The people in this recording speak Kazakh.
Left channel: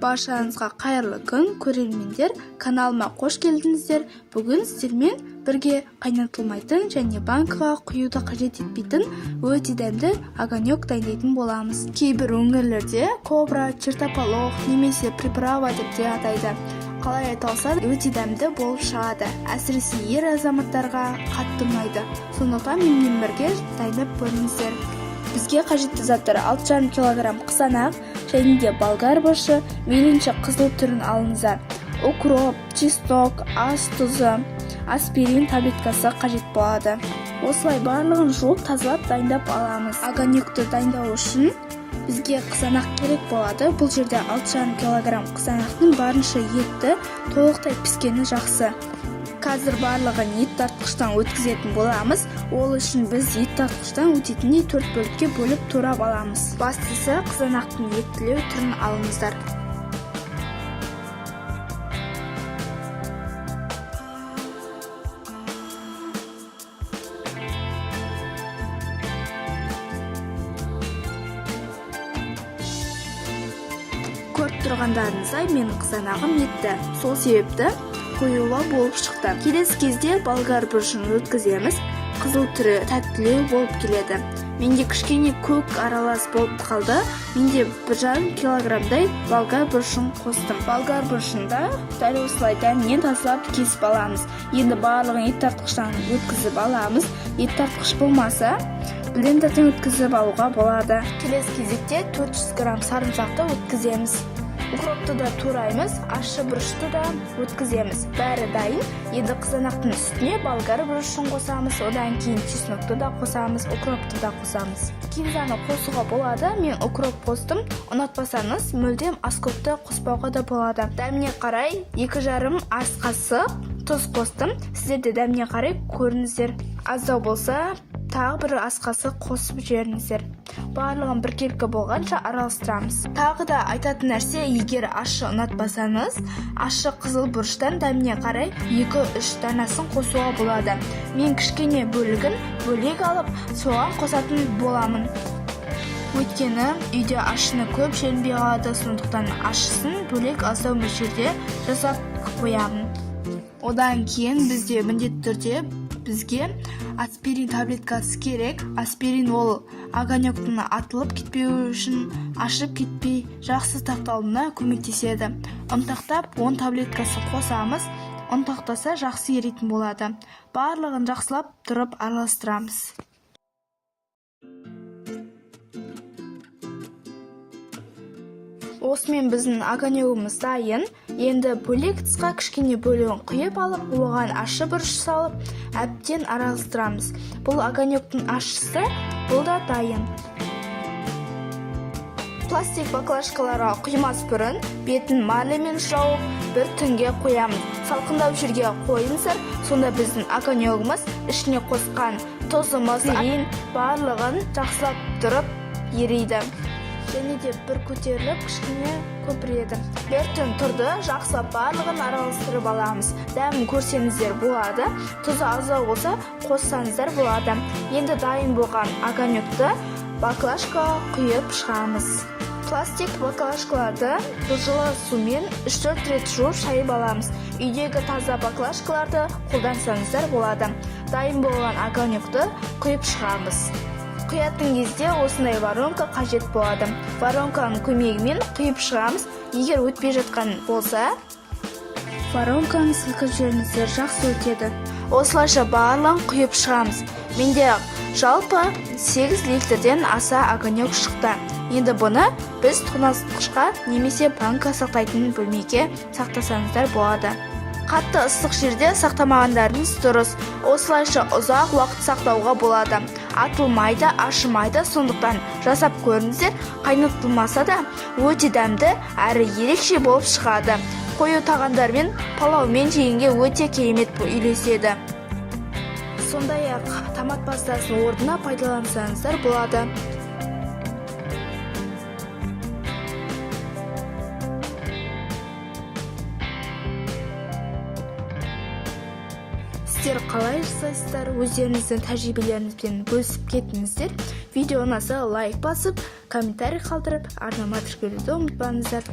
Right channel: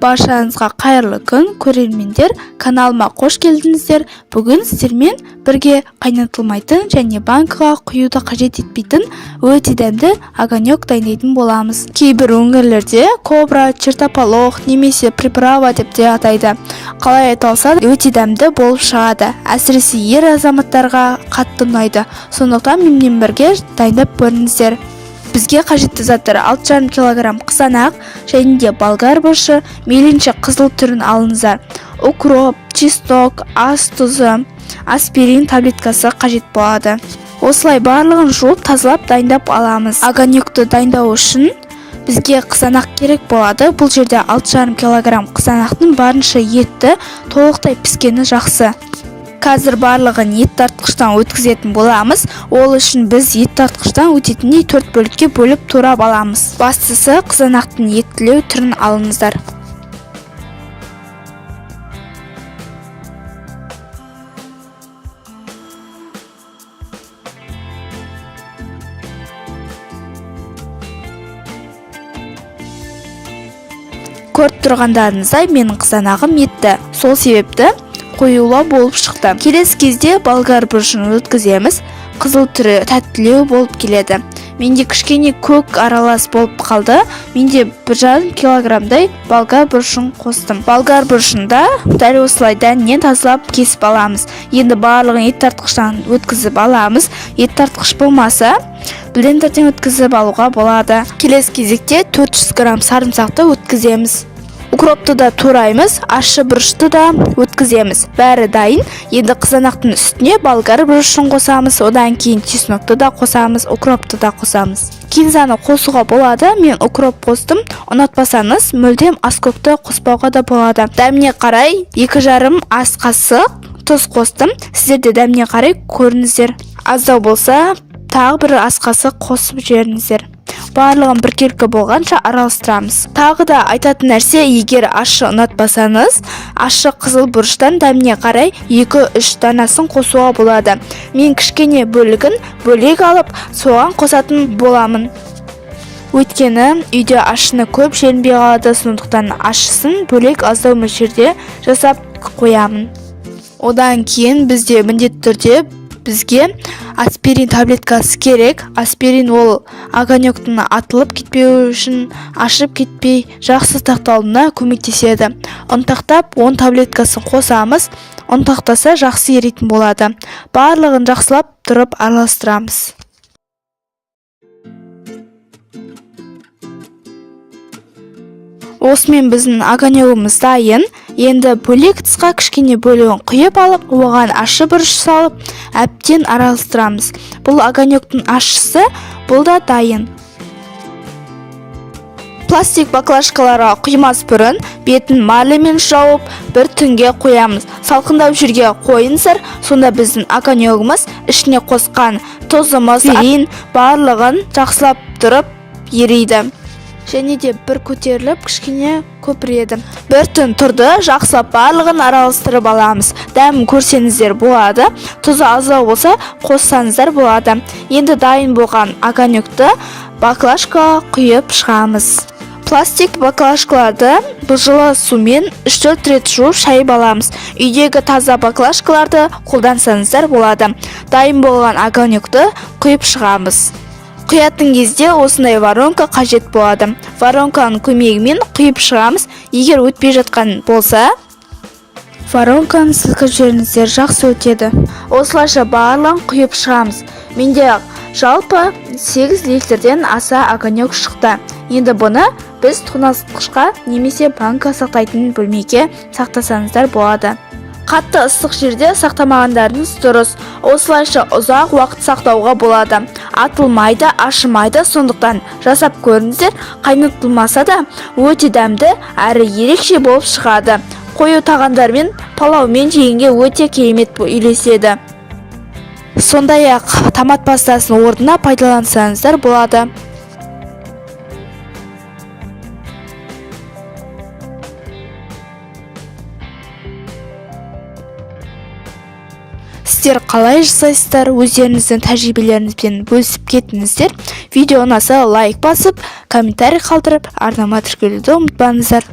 Баршаңызға қайырлы күн, көрермендер, каналыма қош келдіңіздер. Бүгін сіздермен бірге қайнатылмайтын және банкаға құюды қажет етпейтін өте дәмді огонек дайындайтын боламыз. Кейбір өңірлерде кобра, чертополох немесе приправа деп те атайды. Қалай айталса өте дәмді болып шығады. Әсіресе ер азаматтарға қатты ұнайды. Сондықтан менімен бірге дайындап көріңіздер. Бізге қажетті заттар 6,5 кг қызанақ және де болгар бұрышы, мейлінше қызыл түрін алыңыздар. Укроп, чеснок, ас тұзы, аспирин таблеткасы қажет болады. Осылай барлығын жуып тазалап дайындап аламыз. Огонекті дайындау үшін бізге қызанақ керек болады. Бұл жерде 6,5 кг қызанақтың барынша етті, толықтай піскені жақсы. Қазір барлығын ет тартқыштан өткізетін боламыз. Ол үшін біз ет тартқыштан өтетіндей 4 бөлікке бөліп турап аламыз. Бастысы қызанақтың еттілеу түрін алыңыздар. Көріп тұрғандарыңыздай менің қызанағым етті. Сол себепті қоюлау болып шықты. Келесі кезде болгар бұрышын өткіземіз. Қызыл түрі тәттілеу болып келеді. Менде кішкене көк аралас болып қалды. Менде 1,5 кг болгар бұрышын қостым. Болгар бұрышында дәл осылай дәнінен тазалап кесіп аламыз. Енді барлығын ет тартқыштан өткізіп аламыз. Ет тартқыш болмаса блендерден өткізіп алуға болады. Келесі кезекте 400 г сарымсақты өткіземіз. Укропты да тураймыз, ащы бұрышты да өткіземіз. Бәрі дайын. Енді қызанақтың үстіне болгар бұрышын қосамыз, одан кейін чеснокты да қосамыз, укропты да қосамыз. Кинзаны қосуға болады. Мен укроп қостым. Ұнатпасаңыз, мүлдем аскөкті қоспауға да болады. Дәміне қарай 2,5 ас қасық тұз қостым. Сіздер де дәміне қарай көріңіздер. Аздау болса, тағы бір ас қасық қосып жіберіңіздер. Барлығын біркелкі болғанша араластырамыз. Тағы да айтатын нәрсе, егер ащы ұнатпасаңыз, ащы қызыл бұрыштан дәміне қарай 2-3 данасын қосуға болады. Мен кішкене бөлігін бөлек алып, соған қосатын боламын. Өйткені үйде ащыны көп желінбей қалады, сондықтан ащысын бөлек аздау мөлшерде жасап қоямын. Одан кейін бізде міндетті түрде бізге аспирин таблеткасы керек. Аспирин ол огонектің атылып кетпеу үшін, ашып кетпей жақсы сақталуына көмектеседі. Ұнтақтап 10 таблеткасын қосамыз. Ұнтақтаса жақсы еритін болады. Барлығын жақсылап тұрып араластырамыз. Осымен біздің огонегіміз дайын. Енді бөлек тысқа кішкене бөлігін құйып алып, оған ащы бұрыш салып, әбден араластырамыз. Бұл огонектің ащысы, бұл да дайын. Пластик баклажкаларға құймас бұрын бетін марлемен жауып, бір түнге қоямыз. Салқындап жүрге қойыңыздар, сонда біздің огонегіміз ішіне қосқан тұзымыз, аспирин барлығын жақсылап тұрып ериді. Және де бір көтеріліп кішкене көпіреді. Бір түн тұрды, жақсылап барлығын араластырып аламыз. Дәмін көрсеңіздер болады. Тұзы аздау болса қоссаңыздар болады. Енді дайын болған огонекті баклажкаға құйып шығамыз. Пластик баклажкаларды жылы сумен 3-4 рет жуып шайып аламыз. Үйдегі таза баклажкаларды қолдансаңыздар болады. Дайын болған огонекті құйып шығамыз. Құятын кезде осындай воронка қажет болады. Воронканың көмегімен құйып шығамыз. Егер өтпей жатқан болса, воронканы сілкіп жіберіңіздер, жақсы өтеді. Осылайша барлығын құйып шығамыз. Менде жалпы 8 литрден аса огонек шықты. Енді бұны біз тоңазытқышқа немесе банка сақтайтын бөлмеге сақтасаңыздар болады. Қатты ыстық жерде сақтамағандарыңыз дұрыс. Осылайша ұзақ уақыт сақтауға болады. Атылмайды, ашымайды, сондықтан жасап көріңіздер. Қайнатылмаса да өте дәмді әрі ерекше болып шығады. Қою тағамдармен, палаумен жегенге өте керемет үйлеседі. Сондай-ақ томат пастасының орнына пайдалансаңыздар болады. Сіздер қалай жасайсыздар? Өздеріңіздің тәжірибелеріңізбен бөлісіп кетіңіздер. Видео ұнаса лайк басып, комментарий қалдырып, арнама тіркелуді ұмытпаңыздар.